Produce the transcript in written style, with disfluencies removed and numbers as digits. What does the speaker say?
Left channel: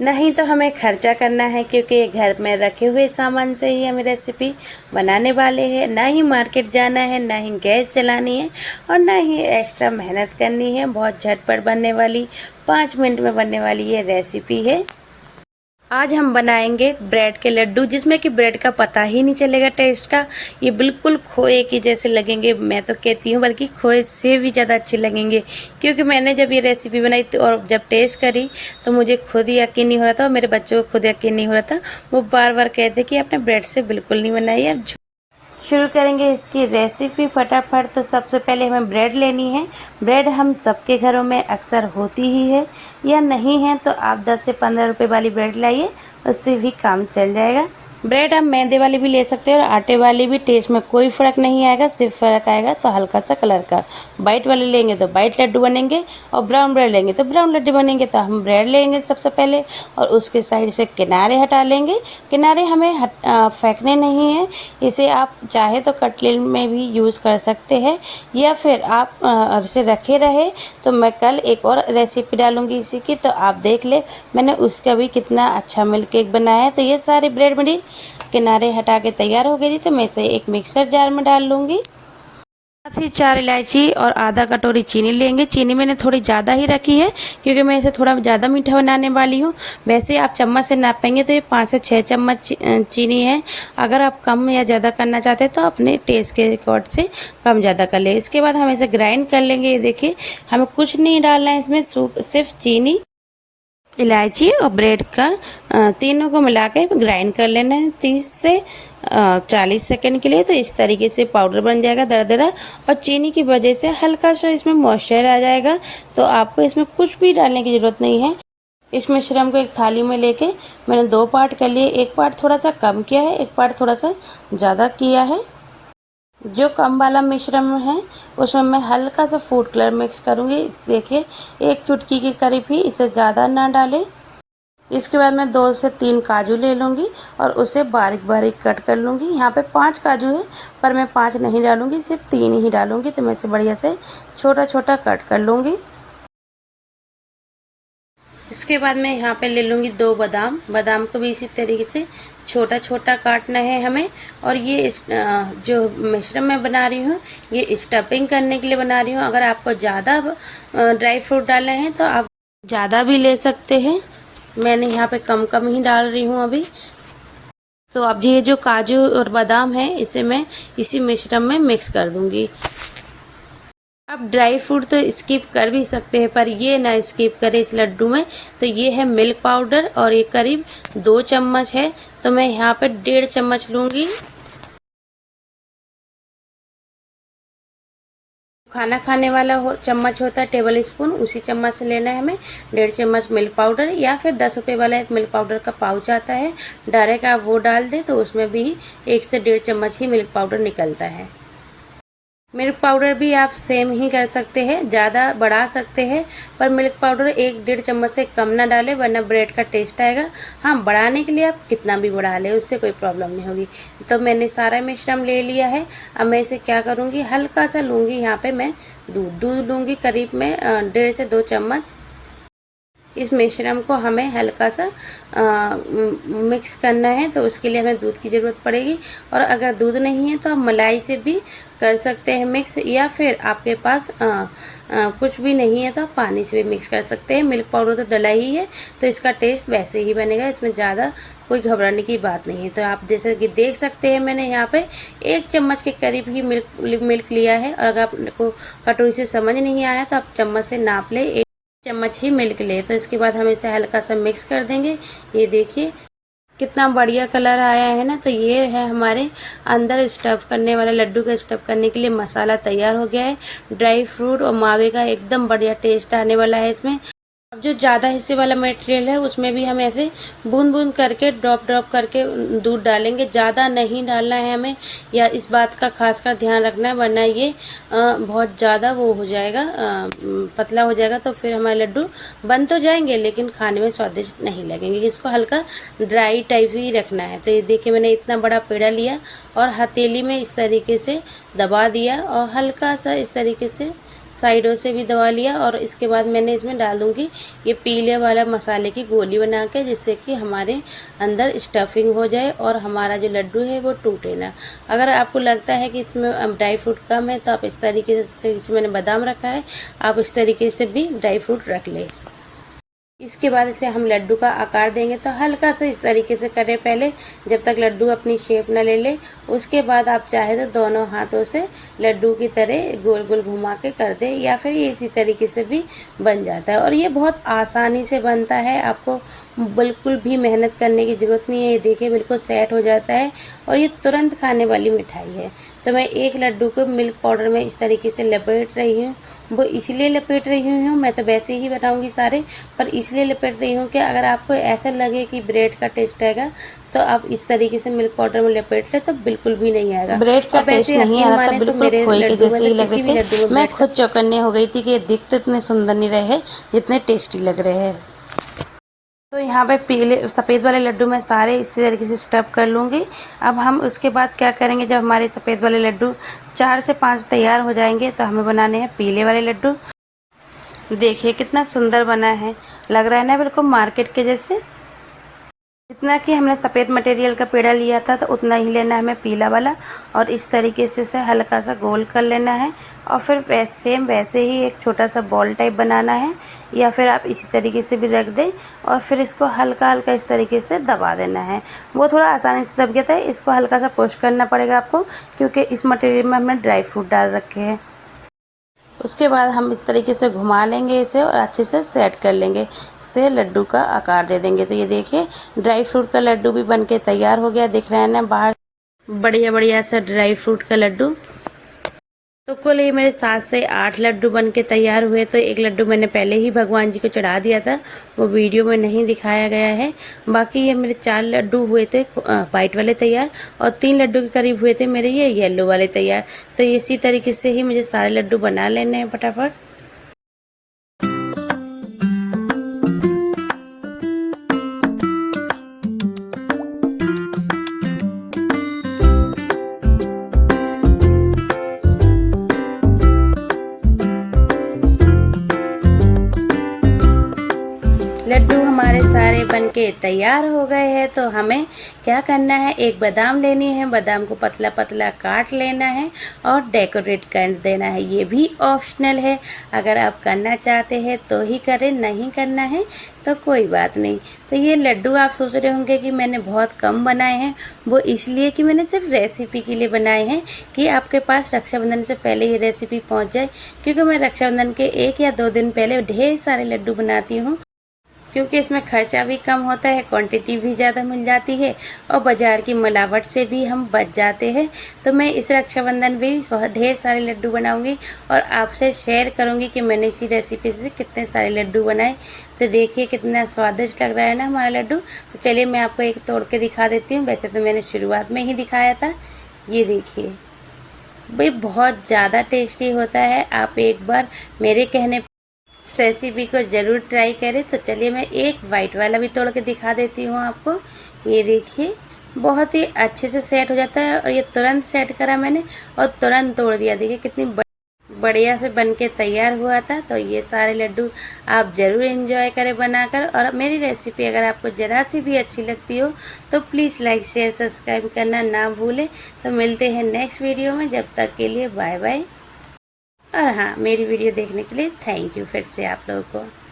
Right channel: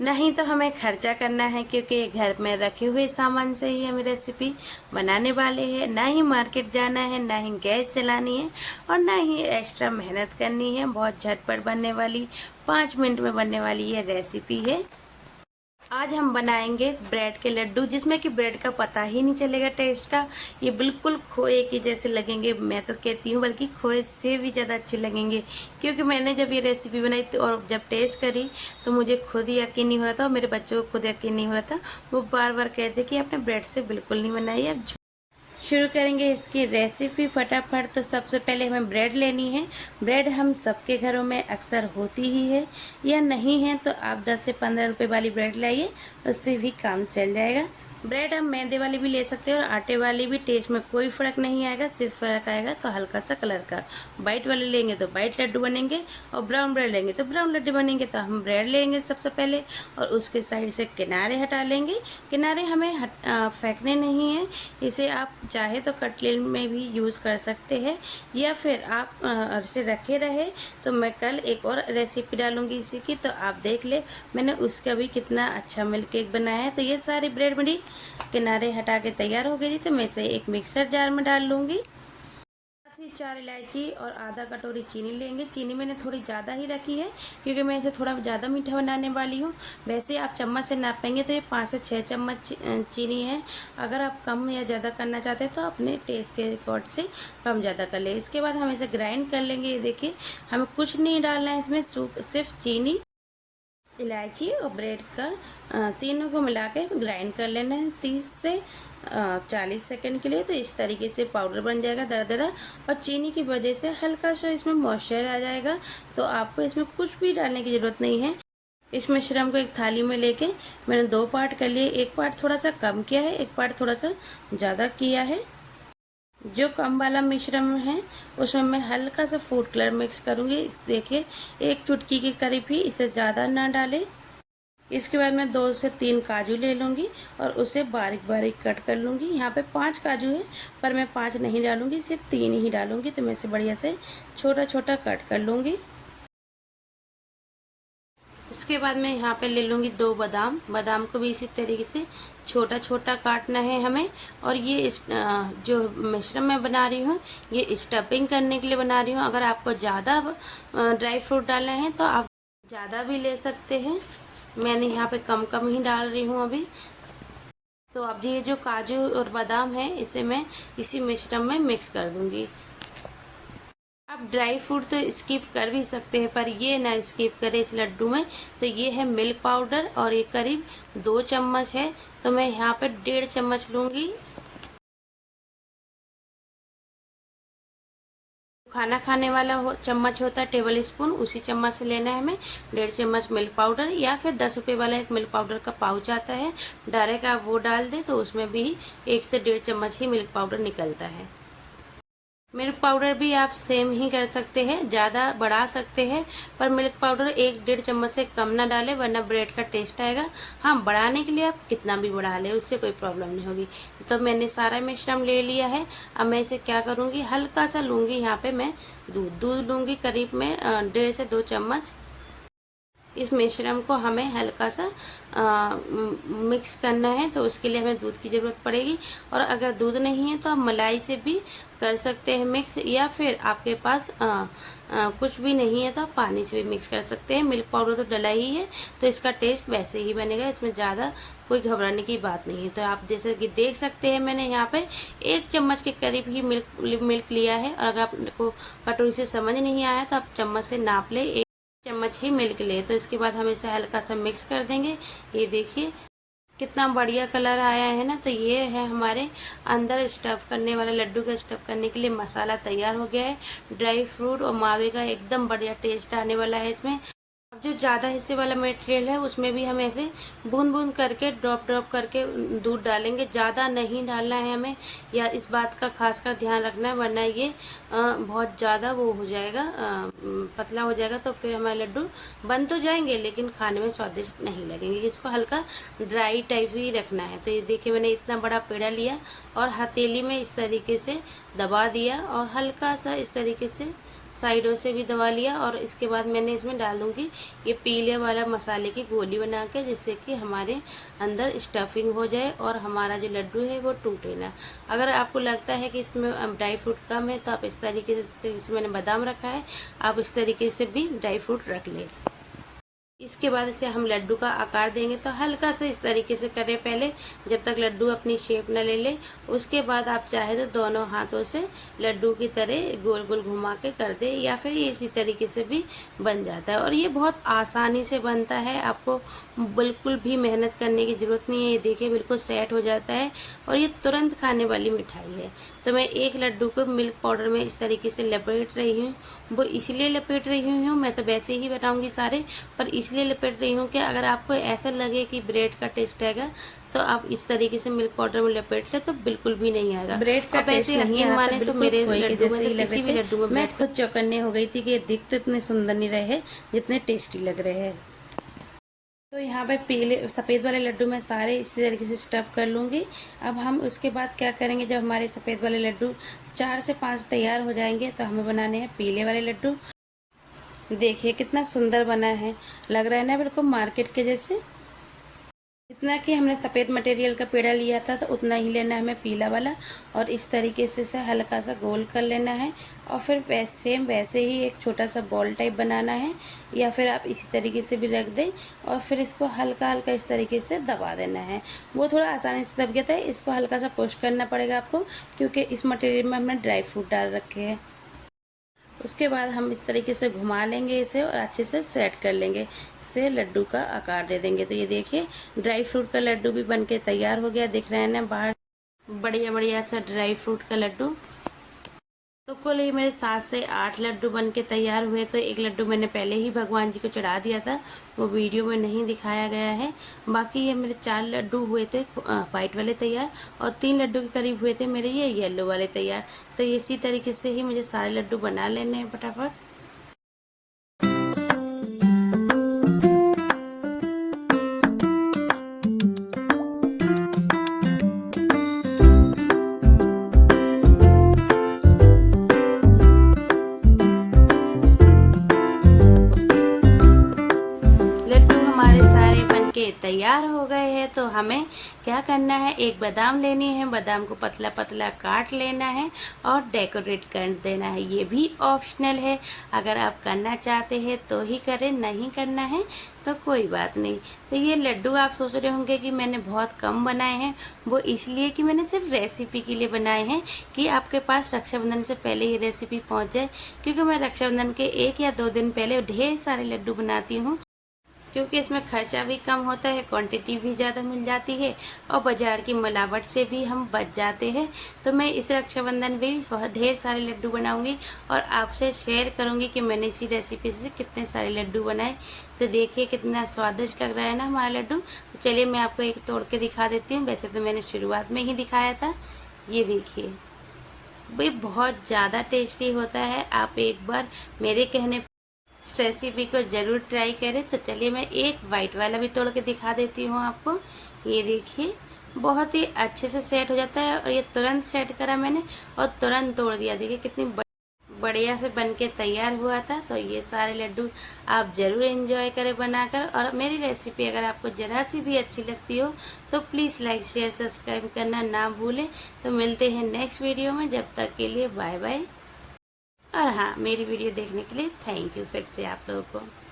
नहीं तो हमें खर्चा करना है, क्योंकि घर में रखे हुए सामान से ही हमें रेसिपी बनाने वाले हैं। ना ही मार्केट जाना है, ना ही गैस चलानी है और ना ही एक्स्ट्रा मेहनत करनी है। बहुत झटपट बनने वाली 5 मिनट में बनने वाली ये रेसिपी है। आज हम बनाएंगे ब्रेड के लड्डू, जिसमें कि ब्रेड का पता ही नहीं चलेगा टेस्ट का। ये बिल्कुल खोए की जैसे लगेंगे, मैं तो कहती हूँ बल्कि खोए से भी ज़्यादा अच्छे लगेंगे। क्योंकि मैंने जब ये रेसिपी बनाई थी और जब टेस्ट करी तो मुझे खुद ही यकीन नहीं हो रहा था और मेरे बच्चों को खुद यकीन नहीं हो रहा था। वो बार बार कहते कि आपने ब्रेड से बिल्कुल नहीं बनाई है। अब शुरू करेंगे इसकी रेसिपी फटाफट। तो सबसे पहले हमें ब्रेड लेनी है। ब्रेड हम सबके घरों में अक्सर होती ही है, या नहीं है तो आप 10 से 15 रुपए वाली ब्रेड लाइए, उससे भी काम चल जाएगा। ब्रेड आप मैदे वाली भी ले सकते हैं और आटे वाली भी, टेस्ट में कोई फ़र्क नहीं आएगा। सिर्फ फ़र्क आएगा तो हल्का सा कलर का। वाइट वाले लेंगे तो वाइट लड्डू बनेंगे और ब्राउन ब्रेड लेंगे तो ब्राउन लड्डू बनेंगे। तो हम ब्रेड लेंगे सबसे पहले और उसके साइड से किनारे हटा लेंगे। किनारे हमें फेंकने नहीं है। इसे आप चाहे तो कटलेट में भी यूज़ कर सकते हैं, या फिर आप इसे रखे रहे। तो मैं कल एक और रेसिपी डालूंगी इसी की, तो आप देख ले। मैंने उसका भी कितना अच्छा मिल्क केक बनाया है। तो ये सारी ब्रेड मेरी किनारे हटा के तैयार हो गई थी, तो मैं इसे एक मिक्सर जार में डाल लूँगी। साथ ही 4 इलायची और आधा कटोरी चीनी लेंगे। चीनी मैंने थोड़ी ज़्यादा ही रखी है, क्योंकि मैं इसे थोड़ा ज़्यादा मीठा बनाने वाली हूँ। वैसे आप चम्मच से नापेंगे तो ये 5 से 6 चम्मच चीनी है। अगर आप कम या ज़्यादा करना चाहते हैं तो अपने टेस्ट के अकॉर्ड से कम ज़्यादा कर ले। इसके बाद हम इसे ग्राइंड कर लेंगे। ये देखिए, हमें कुछ नहीं डालना है इसमें, सिर्फ चीनी, इलायची और ब्रेड का तीनों को मिला के ग्राइंड कर लेना है 30 से 40 सेकंड के लिए। तो इस तरीके से पाउडर बन जाएगा दरदरा, और चीनी की वजह से हल्का सा इसमें मॉइस्चर आ जाएगा। तो आपको इसमें कुछ भी डालने की ज़रूरत नहीं है। इस मिश्रण को एक थाली में लेके मैंने 2 पार्ट कर लिए। एक पार्ट थोड़ा सा कम किया है, एक पार्ट थोड़ा सा ज़्यादा किया है। जो कम वाला मिश्रण है उसमें मैं हल्का सा फूड कलर मिक्स करूँगी। देखिए, 1 चुटकी के करीब ही, इसे ज़्यादा ना डालें। इसके बाद मैं 2 से 3 काजू ले लूँगी और उसे बारीक बारीक कट कर लूँगी। यहाँ पे 5 काजू है, पर मैं 5 नहीं डालूँगी, सिर्फ 3 ही डालूँगी। तो मैं इसे बढ़िया से छोटा छोटा कट कर लूँगी। इसके बाद मैं यहाँ पे ले लूँगी 2 बादाम। बादाम को भी इसी तरीके से छोटा छोटा काटना है हमें। और ये जो मिश्रण मैं बना रही हूँ, ये स्टफिंग करने के लिए बना रही हूँ। अगर आपको ज़्यादा ड्राई फ्रूट डालने हैं तो आप ज़्यादा भी ले सकते हैं। मैंने यहाँ पे कम कम ही डाल रही हूँ अभी। तो अब ये जो काजू और बादाम है, इसे मैं इसी मिश्रण में मिक्स कर दूँगी। आप ड्राई फ्रूट तो स्किप कर भी सकते हैं, पर ये ना स्किप करें इस लड्डू में। तो ये है मिल्क पाउडर और ये करीब 2 चम्मच है। तो मैं यहाँ पे 1.5 चम्मच लूँगी। खाना खाने वाला चम्मच होता है टेबल स्पून, उसी चम्मच से लेना है हमें 1.5 चम्मच मिल्क पाउडर। या फिर 10 रुपये वाला एक मिल्क पाउडर का पाउच आता है, डायरेक्ट आप वो डाल दें तो उसमें भी 1 से 1.5 चम्मच ही मिल्क पाउडर निकलता है। मिल्क पाउडर भी आप सेम ही कर सकते हैं, ज़्यादा बढ़ा सकते हैं, पर मिल्क पाउडर 1-1.5 चम्मच से कम ना डालें, वरना ब्रेड का टेस्ट आएगा। हाँ, बढ़ाने के लिए आप कितना भी बढ़ा लें, उससे कोई प्रॉब्लम नहीं होगी। तो मैंने सारा मिश्रण ले लिया है। अब मैं इसे क्या करूँगी, हल्का सा लूँगी यहाँ पे मैं दूध लूँगी, करीब में 1.5 से 2 चम्मच। इस मिश्रण को हमें हल्का सा मिक्स करना है, तो उसके लिए हमें दूध की ज़रूरत पड़ेगी। और अगर दूध नहीं है तो आप मलाई से भी कर सकते हैं मिक्स, या फिर आपके पास कुछ भी नहीं है तो आप पानी से भी मिक्स कर सकते हैं। मिल्क पाउडर तो डला ही है, तो इसका टेस्ट वैसे ही बनेगा, इसमें ज़्यादा कोई घबराने की बात नहीं है। तो आप जैसे कि देख सकते हैं, मैंने यहाँ पे 1 चम्मच के करीब ही मिल्क लिया है। और अगर आपको कटोरी से समझ नहीं आया तो आप चम्मच से नाप ले, 1 चम्मच ही मिल्क ले। तो इसके बाद हम इसे हल्का सा मिक्स कर देंगे। ये देखिए कितना बढ़िया कलर आया है ना। तो ये है हमारे अंदर स्टफ़ करने वाला, लड्डू का स्टफ़ करने के लिए मसाला तैयार हो गया है। ड्राई फ्रूट और मावे का एकदम बढ़िया टेस्ट आने वाला है इसमें। अब जो ज़्यादा हिस्से वाला मटेरियल है उसमें भी हम ऐसे बूंद बूंद करके ड्रॉप करके दूध डालेंगे। ज़्यादा नहीं डालना है हमें, या इस बात का खासकर ध्यान रखना है, वरना ये बहुत ज़्यादा वो हो जाएगा, पतला हो जाएगा। तो फिर हमारे लड्डू बन तो जाएंगे लेकिन खाने में स्वादिष्ट नहीं लगेंगे। इसको हल्का ड्राई टाइप ही रखना है। तो ये देखिए, मैंने इतना बड़ा पेड़ा लिया और हथेली में इस तरीके से दबा दिया और हल्का सा इस तरीके से साइडों से भी दबा लिया। और इसके बाद मैंने इसमें डाल दूँगी ये पीले वाला मसाले की गोली बना के, जिससे कि हमारे अंदर स्टफिंग हो जाए और हमारा जो लड्डू है वो टूटे ना। अगर आपको लगता है कि इसमें ड्राई फ्रूट कम है तो आप इस तरीके से मैंने बादाम रखा है, आप इस तरीके से भी ड्राई फ्रूट रख लें। इसके बाद इसे हम लड्डू का आकार देंगे, तो हल्का सा इस तरीके से करें पहले, जब तक लड्डू अपनी शेप ना ले ले। उसके बाद आप चाहे तो दोनों हाथों से लड्डू की तरह गोल गोल घुमा के कर दें, या फिर ये इसी तरीके से भी बन जाता है। और ये बहुत आसानी से बनता है, आपको बिल्कुल भी मेहनत करने की ज़रूरत नहीं है। ये देखिए बिल्कुल सेट हो जाता है और ये तुरंत खाने वाली मिठाई है। तो मैं एक लड्डू को मिल्क पाउडर में इस तरीके से लपेट रही हूँ। वो इसलिए लपेट रही हूँ, मैं तो वैसे ही बनाऊँगी सारे, पर इसलिए लपेट रही हूँ कि अगर आपको ऐसा लगे कि ब्रेड का टेस्ट आएगा तो आप इस तरीके से मिल्क पाउडर में लपेट ले तो बिल्कुल भी नहीं आएगा। ब्रेड का टेस्ट नहीं आ रहा था, बिल्कुल खोए के जैसे ही लग रहे थे। मैं खुद चौकन्ने हो गई थी कि दिख तो इतने सुंदर नहीं रहे जितने टेस्टी लग रहे हैं। तो यहाँ पे पीले सफ़ेद वाले लड्डू मैं सारे इसी तरीके से स्टफ़ कर लूँगी। अब हम उसके बाद क्या करेंगे, जब हमारे सफ़ेद वाले लड्डू 4 से 5 तैयार हो जाएंगे तो हमें बनाने हैं पीले वाले लड्डू। देखिए कितना सुंदर बना है, लग रहा है ना बिल्कुल मार्केट के जैसे। जितना कि हमने सफ़ेद मटेरियल का पेड़ा लिया था तो उतना ही लेना है हमें पीला वाला, और इस तरीके से हल्का सा गोल कर लेना है। और फिर वैसे ही एक छोटा सा बॉल टाइप बनाना है, या फिर आप इसी तरीके से भी रख दें और फिर इसको हल्का हल्का इस तरीके से दबा देना है। वो थोड़ा आसानी से दब गया था, इसको हल्का सा पुश करना पड़ेगा आपको, क्योंकि इस मटेरियल में हमने ड्राई फ्रूट डाल रखे हैं। उसके बाद हम इस तरीके से घुमा लेंगे इसे और अच्छे से सेट कर लेंगे, इससे लड्डू का आकार दे देंगे। तो ये देखिए ड्राई फ्रूट का लड्डू भी बनके तैयार हो गया, दिख रहा है ना बाहर बढ़िया बढ़िया सा ड्राई फ्रूट का लड्डू। तो कुल ये मेरे 7 से 8 लड्डू बनके तैयार हुए। तो एक लड्डू मैंने पहले ही भगवान जी को चढ़ा दिया था, वो वीडियो में नहीं दिखाया गया है। बाकी ये मेरे 4 लड्डू हुए थे वाइट वाले तैयार, और 3 लड्डू के करीब हुए थे मेरे ये येलो वाले तैयार। तो इसी तरीके से ही मुझे सारे लड्डू बना लेने हैं फटाफट। तैयार हो गए हैं, तो हमें क्या करना है, एक बादाम लेनी है, बादाम को पतला पतला काट लेना है और डेकोरेट कर देना है। ये भी ऑप्शनल है, अगर आप करना चाहते हैं तो ही करें, नहीं करना है तो कोई बात नहीं। तो ये लड्डू आप सोच रहे होंगे कि मैंने बहुत कम बनाए हैं, वो इसलिए कि मैंने सिर्फ रेसिपी के लिए बनाए हैं कि आपके पास रक्षाबंधन से पहले ये रेसिपी पहुंच जाए। क्योंकि मैं रक्षाबंधन के 1 या 2 दिन पहले ढेर सारे लड्डू बनाती हूँ, क्योंकि इसमें खर्चा भी कम होता है, क्वांटिटी भी ज़्यादा मिल जाती है और बाज़ार की मिलावट से भी हम बच जाते हैं। तो मैं इस रक्षाबंधन में भी ढेर सारे लड्डू बनाऊंगी और आपसे शेयर करूंगी कि मैंने इसी रेसिपी से कितने सारे लड्डू बनाए। तो देखिए कितना स्वादिष्ट लग रहा है ना हमारा लड्डू। तो चलिए मैं आपको एक तोड़ के दिखा देती हूँ, वैसे तो मैंने शुरुआत में ही दिखाया था। ये देखिए भाई बहुत ज़्यादा टेस्टी होता है, आप एक बार मेरे कहने इस रेसिपी को ज़रूर ट्राई करें। तो चलिए मैं एक वाइट वाला भी तोड़ के दिखा देती हूँ आपको। ये देखिए बहुत ही अच्छे से सेट हो जाता है, और ये तुरंत सेट करा मैंने और तुरंत तोड़ दिया। देखिए कितनी बढ़िया से बन के तैयार हुआ था। तो ये सारे लड्डू आप ज़रूर एंजॉय करें बनाकर, और मेरी रेसिपी अगर आपको ज़रा सी भी अच्छी लगती हो तो प्लीज़ लाइक शेयर सब्सक्राइब करना ना भूलें। तो मिलते हैं नेक्स्ट वीडियो में, जब तक के लिए बाय बाय। और हाँ, मेरी वीडियो देखने के लिए थैंक यू फिर से आप लोगों को।